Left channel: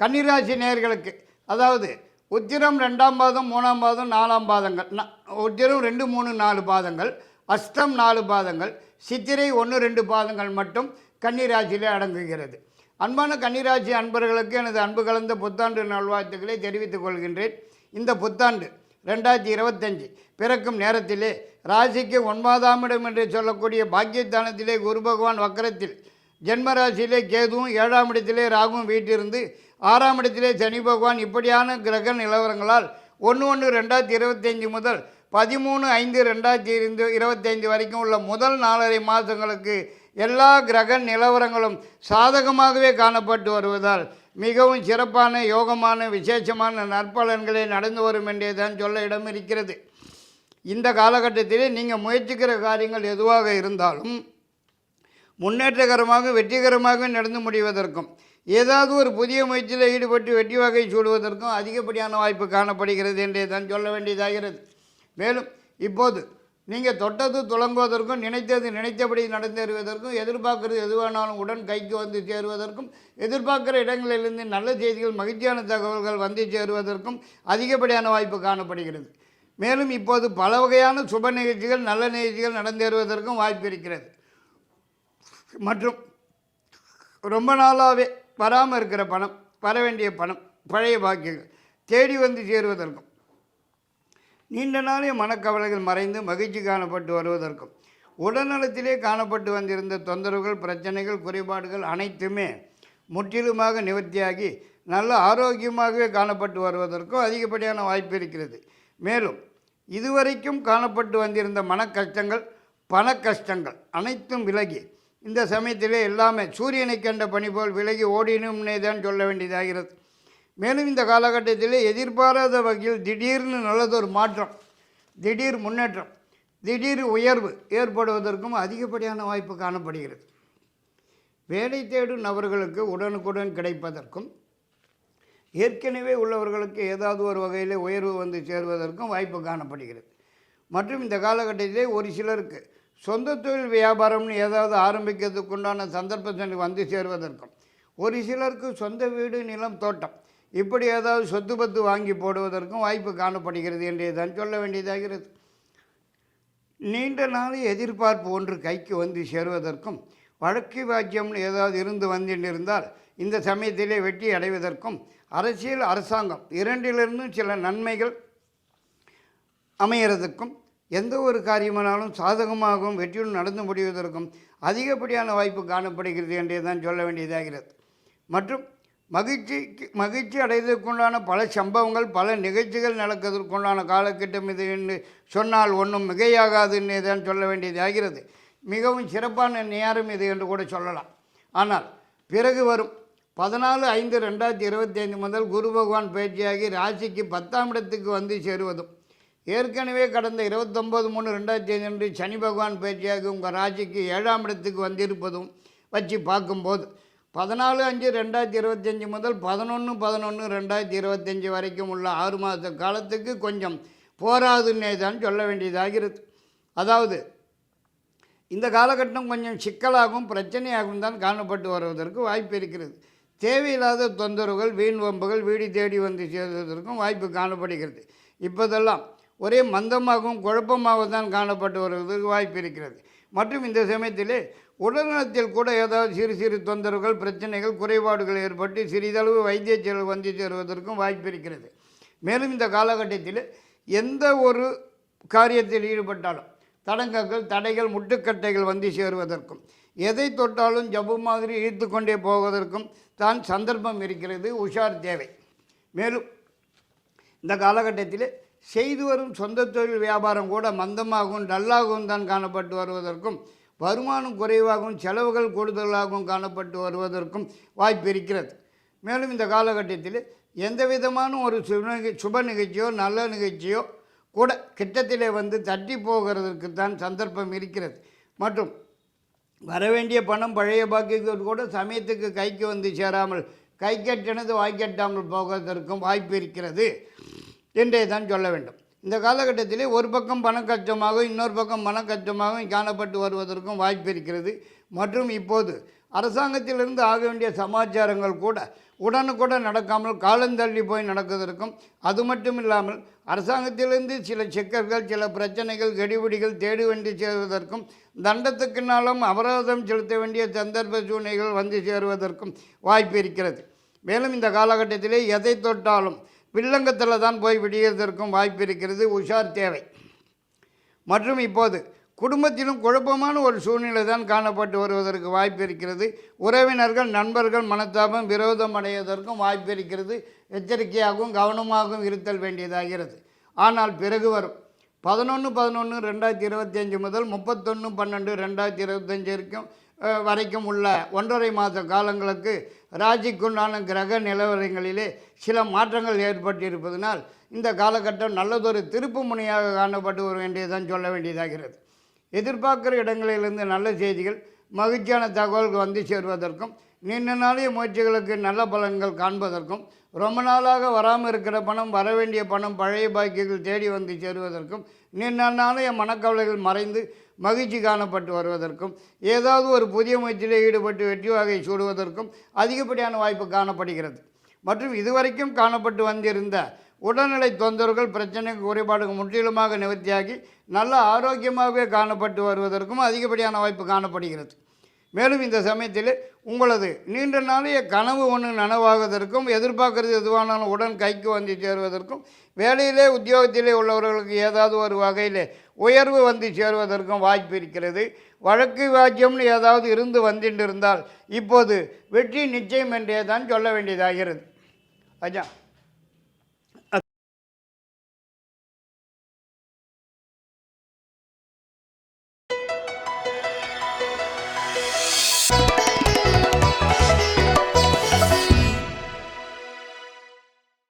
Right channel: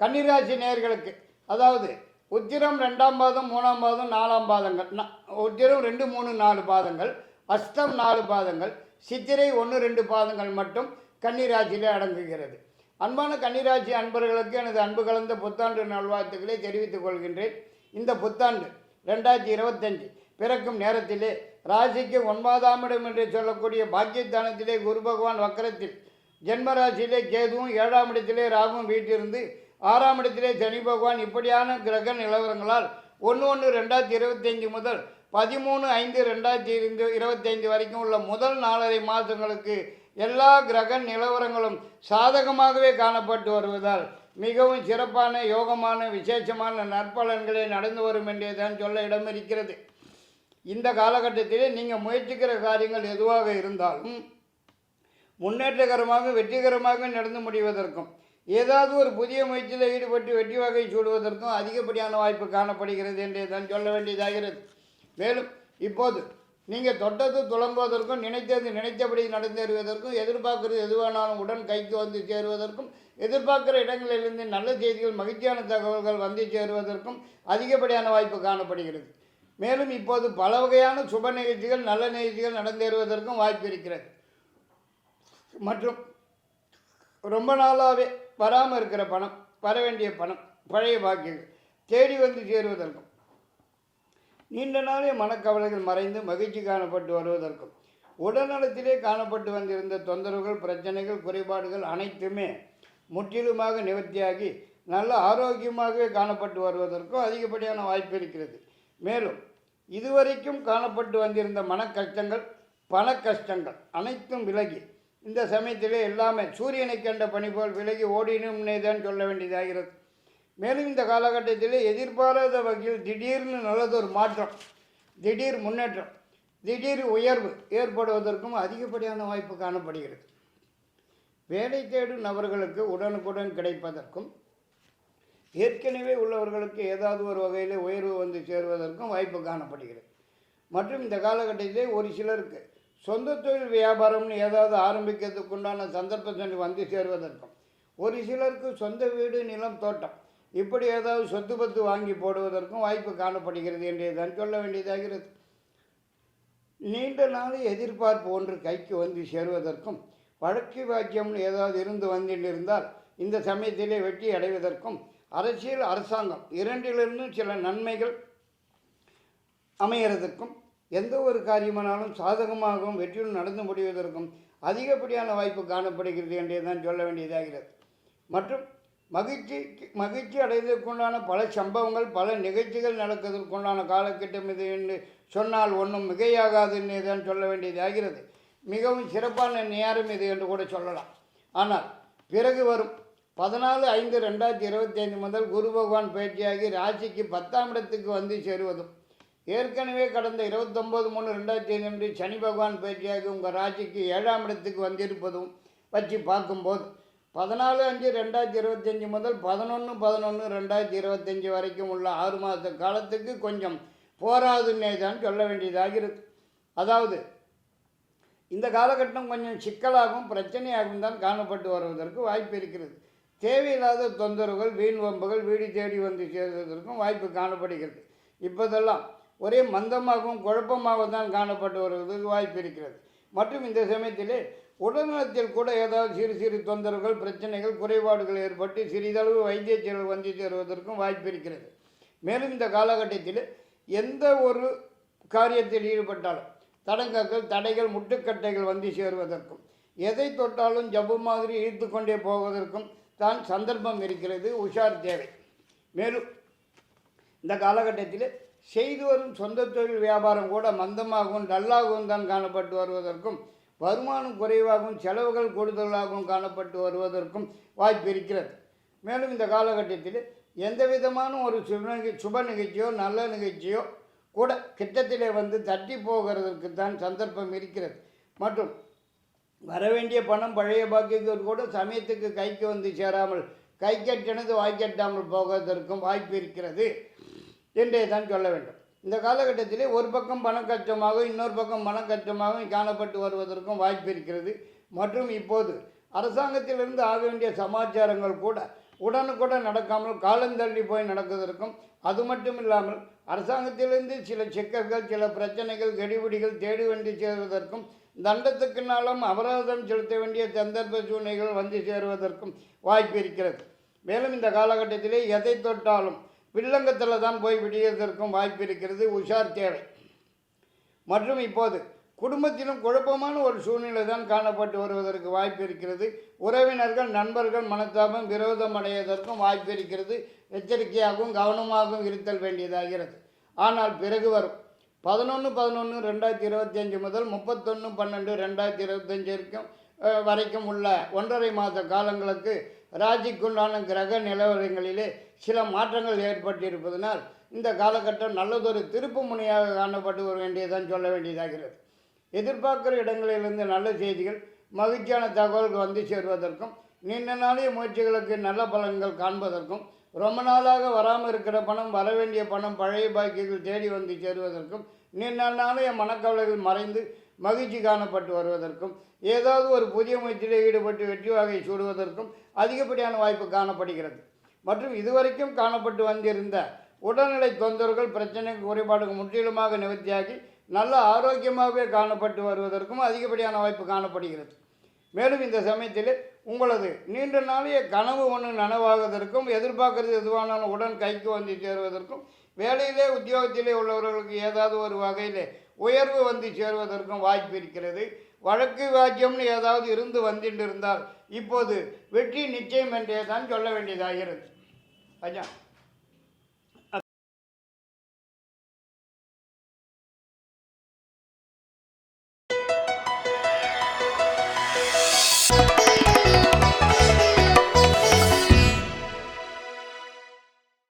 கன்னிராசி நேர்களுக்கு அதாவது உத்திரம் ரெண்டாம் பாதம் மூணாம் பாதம் நாலாம் பாதங்கள். உத்திரம் ரெண்டு மூணு நாலு பாதங்கள். அஷ்டம் நாலு பாதங்கள். சித்திரை ஒன்று ரெண்டு பாதங்கள் மட்டும் கன்னிராசியிலே அடங்குகிறது. அன்பான கன்னிராசி அன்பர்களுக்கு எனது அன்பு கலந்த புத்தாண்டு நல்வாழ்த்துக்களை தெரிவித்துக் கொள்கின்றேன். இந்த புத்தாண்டு ரெண்டாயிரத்தி இருபத்தஞ்சு பிறக்கும் நேரத்திலே ராசிக்கு ஒன்பதாம் இடம் என்று சொல்லக்கூடிய பாக்கியத்தானத்திலே குரு பகவான் வக்கரத்தில் ஜென்மராசியிலே கேதுவும் ஏழாம் இடத்திலே ராகுவும் வீட்டிருந்து ஆறாம் இடத்திலே சனி பகவான் இப்படியான கிரக நிலவரங்களால் ஒன்று ஒன்று ரெண்டாயிரத்தி இருபத்தஞ்சி முதல் பதிமூணு ஐந்து ரெண்டாயிரத்தி இருந்து இருபத்தைந்து வரைக்கும் உள்ள முதல் நாலரை மாதங்களுக்கு எல்லா கிரக நிலவரங்களும் சாதகமாகவே காணப்பட்டு வருவதால் மிகவும் சிறப்பான யோகமான விசேஷமான நற்பலன்களே நடந்து வரும் என்றே தான் சொல்ல இடம் இருக்கிறது இந்த காலகட்டத்திலே நீங்கள் முயற்சிக்கிற காரியங்கள் எதுவாக இருந்தாலும் முன்னேற்றகரமாக வெற்றிகரமாக நடந்து முடிவதற்கும் ஏதாவது ஒரு புதிய முயற்சியில் ஈடுபட்டு வெற்றி வகை சூடுவதற்கும் அதிகப்படியான வாய்ப்பு காணப்படுகிறது என்றே தான் சொல்ல வேண்டியதாகிறது. மேலும் இப்போது நீங்கள் தொட்டது துளங்குவதற்கும் நினைத்தது நினைத்தபடி நடந்தேறுவதற்கும் எதிர்பார்க்கறது எதுவானாலும் உடன் கைக்கு வந்து சேருவதற்கும் எதிர்பார்க்குற இடங்களிலிருந்து நல்ல செய்திகள் மகிழ்ச்சியான தகவல்கள் வந்து சேருவதற்கும் அதிகப்படியான வாய்ப்பு காணப்படுகிறது. மேலும் இப்போது பல வகையான சுப நிகழ்ச்சிகள் நல்ல நிகழ்ச்சிகள் நடந்தேறுவதற்கும் வாய்ப்பு இருக்கிறது. மற்றும் ரொம்ப நாளாகவே வராமல் இருக்கிற பணம் வர வேண்டிய பணம் பழைய பாக்கியங்கள் தேடி வந்து சேருவதற்கும் நீண்ட நாளே மனக்கவலைகள் மறைந்து மகிழ்ச்சி காணப்பட்டு வருவதற்கும் உடல்நலத்திலே காணப்பட்டு வந்திருந்த தொந்தரவுகள் பிரச்சனைகள் குறைபாடுகள் அனைத்துமே முற்றிலுமாக நிவர்த்தியாகி நல்ல ஆரோக்கியமாகவே காணப்பட்டு வருவதற்கும் அதிகப்படியான வாய்ப்பு இருக்கிறது. மேலும் இதுவரைக்கும் காணப்பட்டு வந்திருந்த மன கஷ்டங்கள் பண கஷ்டங்கள் அனைத்தும் விலகி இந்த சமயத்திலே எல்லாமே சூரியனை கண்ட பணி போல் விலகி ஓடினும்னே தான் சொல்ல வேண்டியதாகிறது. மேலும் இந்த காலகட்டத்தில் எதிர்பாராத வகையில் திடீர்னு நல்லதொரு மாற்றம் திடீர் முன்னேற்றம் திடீர் உயர்வு ஏற்படுவதற்கும் அதிகப்படியான வாய்ப்பு காணப்படுகிறது. வேலை தேடும் நபர்களுக்கு உடனுக்குடன் கிடைப்பதற்கும் ஏற்கனவே உள்ளவர்களுக்கு ஏதாவது ஒரு வகையில் உயர்வு வந்து சேருவதற்கும் வாய்ப்பு காணப்படுகிறது. மற்றும் இந்த காலகட்டத்திலே ஒரு சிலருக்கு சொந்த தொழில் வியாபாரம்னு ஏதாவது ஆரம்பிக்கிறதுக்கு உண்டான சந்தர்ப்பத்தை வந்து சேருவதற்கும். ஒரு சிலருக்கு சொந்த வீடு நிலம் தோட்டம். இப்படி ஏதாவது சொத்து பத்து வாங்கி போடுவதற்கும் வாய்ப்பு காணப்படுகிறது என்று தான் சொல்ல வேண்டியதாகிறது நீண்ட நாள் எதிர்பார்ப்பு ஒன்று கைக்கு வந்து சேருவதற்கும் வழக்கு வாக்கியம்னு ஏதாவது இருந்து வந்திருந்தால் இந்த சமயத்திலே வெற்றி அடைவதற்கும் அரசியல் அரசாங்கம் இரண்டிலிருந்தும் சில நன்மைகள் அமையறதுக்கும் எந்த ஒரு காரியமானாலும் சாதகமாகவும் வெற்றியுடன் நடந்து முடிவதற்கும் அதிகப்படியான வாய்ப்பு காணப்படுகிறது என்றே தான் சொல்ல வேண்டியதாகிறது. மற்றும் மகிழ்ச்சிக்கு மகிழ்ச்சி அடைவதற்குண்டான பல சம்பவங்கள் பல நிகழ்ச்சிகள் நடக்கிறதுக்குண்டான காலகட்டம் இது என்று சொன்னால் ஒன்றும் மிகையாகாதுன்னே தான் சொல்ல வேண்டியதாகிறது. மிகவும் சிறப்பான நேரம் இது என்று கூட சொல்லலாம். ஆனால் பிறகு வரும் பதினாலு ஐந்து ரெண்டாயிரத்தி இருபத்தைந்து முதல் குரு பகவான் பயிற்சியாகி ராசிக்கு பத்தாம் இடத்துக்கு வந்து சேருவதும் ஏற்கனவே கடந்த இருபத்தொம்போது மூணு ரெண்டாயிரத்தி ஐந்து அன்று சனி பகவான் பயிற்சியாக உங்கள் ராசிக்கு ஏழாம் இடத்துக்கு வந்திருப்பதும் வச்சு பார்க்கும்போது பதினாலு அஞ்சு ரெண்டாயிரத்தி இருபத்தஞ்சி முதல் பதினொன்று பதினொன்று ரெண்டாயிரத்தி இருபத்தஞ்சி வரைக்கும் உள்ள ஆறு மாத காலத்துக்கு கொஞ்சம் போராதுன்னே தான் சொல்ல வேண்டியதாகிறது. அதாவது இந்த காலகட்டம் கொஞ்சம் சிக்கலாகவும் பிரச்சனையாகவும் தான் காணப்பட்டு வருவதற்கு வாய்ப்பு இருக்கிறது. தேவையில்லாத தொந்தரவுகள் வீண் வம்புகள் வீடு தேடி வந்து சேர்வதற்கும் வாய்ப்பு காணப்படுகிறது. இப்போதெல்லாம் ஒரே மந்தமாகவும் குழப்பமாகவும் தான் காணப்பட்டு வருவதற்கு வாய்ப்பு இருக்கிறது. மற்றும் இந்த சமயத்திலே உடல்நலத்தில் கூட ஏதாவது சிறு சிறு தொந்தரவுகள் பிரச்சனைகள் குறைபாடுகள் ஏற்பட்டு சிறிதளவு வைத்திய செலவு வந்து சேருவதற்கும் வாய்ப்பு இருக்கிறது. மேலும் இந்த காலகட்டத்தில் எந்த ஒரு காரியத்தில் ஈடுபட்டாலும் தடங்கங்கள் தடைகள் முட்டுக்கட்டைகள் வந்து சேருவதற்கும் எதை தொட்டாலும் ஜவ்வு மாதிரி இழுத்து கொண்டே போவதற்கும் தான் சந்தர்ப்பம் இருக்கிறது. உஷார் தேவை. மேலும் இந்த காலகட்டத்தில் செய்து வரும் சொந்த தொழில் வியாபாரம் கூட மந்தமாகவும் டல்லாகவும் தான் காணப்பட்டு வருவதற்கும் வருமானம் குறைவாகவும் செலவுகள் கூடுதலாகவும் காணப்பட்டு வருவதற்கும் வாய்ப்பு இருக்கிறது. மேலும் இந்த காலகட்டத்தில் எந்த விதமான ஒரு சுப சுப நிகழ்ச்சியோ நல்ல நிகழ்ச்சியோ கூட கிட்டத்திலே வந்து தட்டி போகிறதற்கு தான் சந்தர்ப்பம் இருக்கிறது. மற்றும் வரவேண்டிய பணம் பழைய பாக்கியங்கள் கூட சமயத்துக்கு கைக்கு வந்து சேராமல் கை கட்டினது வாய்க்கட்டாமல் போகிறதற்கும் வாய்ப்பு இருக்கிறது. என்றே தான் சொல்ல வேண்டும். இந்த காலகட்டத்திலே ஒரு பக்கம் பண கஷ்டமாகவும் இன்னொரு பக்கம் மனக்கச்சமாகவும் கஷ்டமாகவும் காணப்பட்டு வருவதற்கும் வாய்ப்பு இருக்கிறது. மற்றும் இப்போது அரசாங்கத்திலிருந்து ஆக வேண்டிய சமாச்சாரங்கள் கூட உடனுக்குடன் நடக்காமல் காலந்தள்ளி போய் நடக்குவதற்கும் அது மட்டும் இல்லாமல் அரசாங்கத்திலிருந்து சில சிக்கல்கள் சில பிரச்சனைகள் கெடிபிடிகள் தேடி வந்து சேருவதற்கும் தண்டத்துக்குனாலும் அபராதம் செலுத்த வேண்டிய சந்தர்ப்ப சூழ்நிலைகள் வந்து சேருவதற்கும் வாய்ப்பு இருக்கிறது. மேலும் இந்த காலகட்டத்திலே எதை தொட்டாலும் வில்லங்கத்தில் தான் போய் விடியதற்கும் வாய்ப்பு இருக்கிறது. உஷார் தேவை. மற்றும் இப்போது குடும்பத்திலும் குழப்பமான ஒரு சூழ்நிலை தான் காணப்பட்டு வருவதற்கு வாய்ப்பு இருக்கிறது. உறவினர்கள் நண்பர்கள் மனத்தாபம் விரோதம் அடைவதற்கும் வாய்ப்பு இருக்கிறது. எச்சரிக்கையாகவும் கவனமாகவும் இருத்தல் வேண்டியதாகிறது. ஆனால் பிறகு வரும். பதினொன்று பதினொன்று ரெண்டாயிரத்தி இருபத்தஞ்சு முதல் முப்பத்தொன்று பன்னெண்டு ரெண்டாயிரத்தி இருபத்தஞ்சு வரைக்கும் வரைக்கும் உள்ள ஒன்றரை மாத காலங்களுக்கு ராஜிக்குண்டான கிரக நிலவரங்களிலே சில மாற்றங்கள் ஏற்பட்டிருப்பதனால் இந்த காலகட்டம் நல்லதொரு திருப்பு முனையாக காணப்பட்டு வர வேண்டியதான் சொல்ல வேண்டியதாகிறது எதிர்பார்க்குற இடங்களிலிருந்து நல்ல செய்திகள் மகிழ்ச்சியான தகவல்கள் வந்து சேருவதற்கும் நீண்ட நாளைய முயற்சிகளுக்கு நல்ல பலன்கள் காண்பதற்கும் ரொம்ப நாளாக வராமல் இருக்கிற பணம் வர வேண்டிய பணம் பழைய பாக்கியங்கள் தேடி வந்து சேருவதற்கும் நீண்ட நாளைய மனக்கவலைகள் மறைந்து மகிழ்ச்சி காணப்பட்டு வருவதற்கும் ஏதாவது ஒரு புதிய முயற்சியில் ஈடுபட்டு வெற்றி வகை சூடுவதற்கும் அதிகப்படியான வாய்ப்பு காணப்படுகிறது. மற்றும் இதுவரைக்கும் காணப்பட்டு வந்திருந்த உடல்நிலை தொந்தரவுகள் பிரச்சனை குறைபாடுகள் முற்றிலுமாக நிவர்த்தியாகி நல்ல ஆரோக்கியமாகவே காணப்பட்டு வருவதற்கும் அதிகப்படியான வாய்ப்பு காணப்படுகிறது. மேலும் இந்த சமயத்தில் உங்களது நீண்ட நாளைய கனவு ஒன்று நனவாகுவதற்கும் எதிர்பார்க்கறது எதுவானாலும் உடன் கைக்கு வந்து சேருவதற்கும் வேலையிலே உத்தியோகத்திலே உள்ளவர்களுக்கு ஏதாவது ஒரு வகையில் உயர்வு வந்து சேருவதற்கும் வாய்ப்பு இருக்கிறது. வழக்கு வாக்கியம்னு ஏதாவது இருந்து வந்துட்டு இப்போது வெற்றி நிச்சயம் என்றே தான் சொல்ல வேண்டியதாகிறது அஜா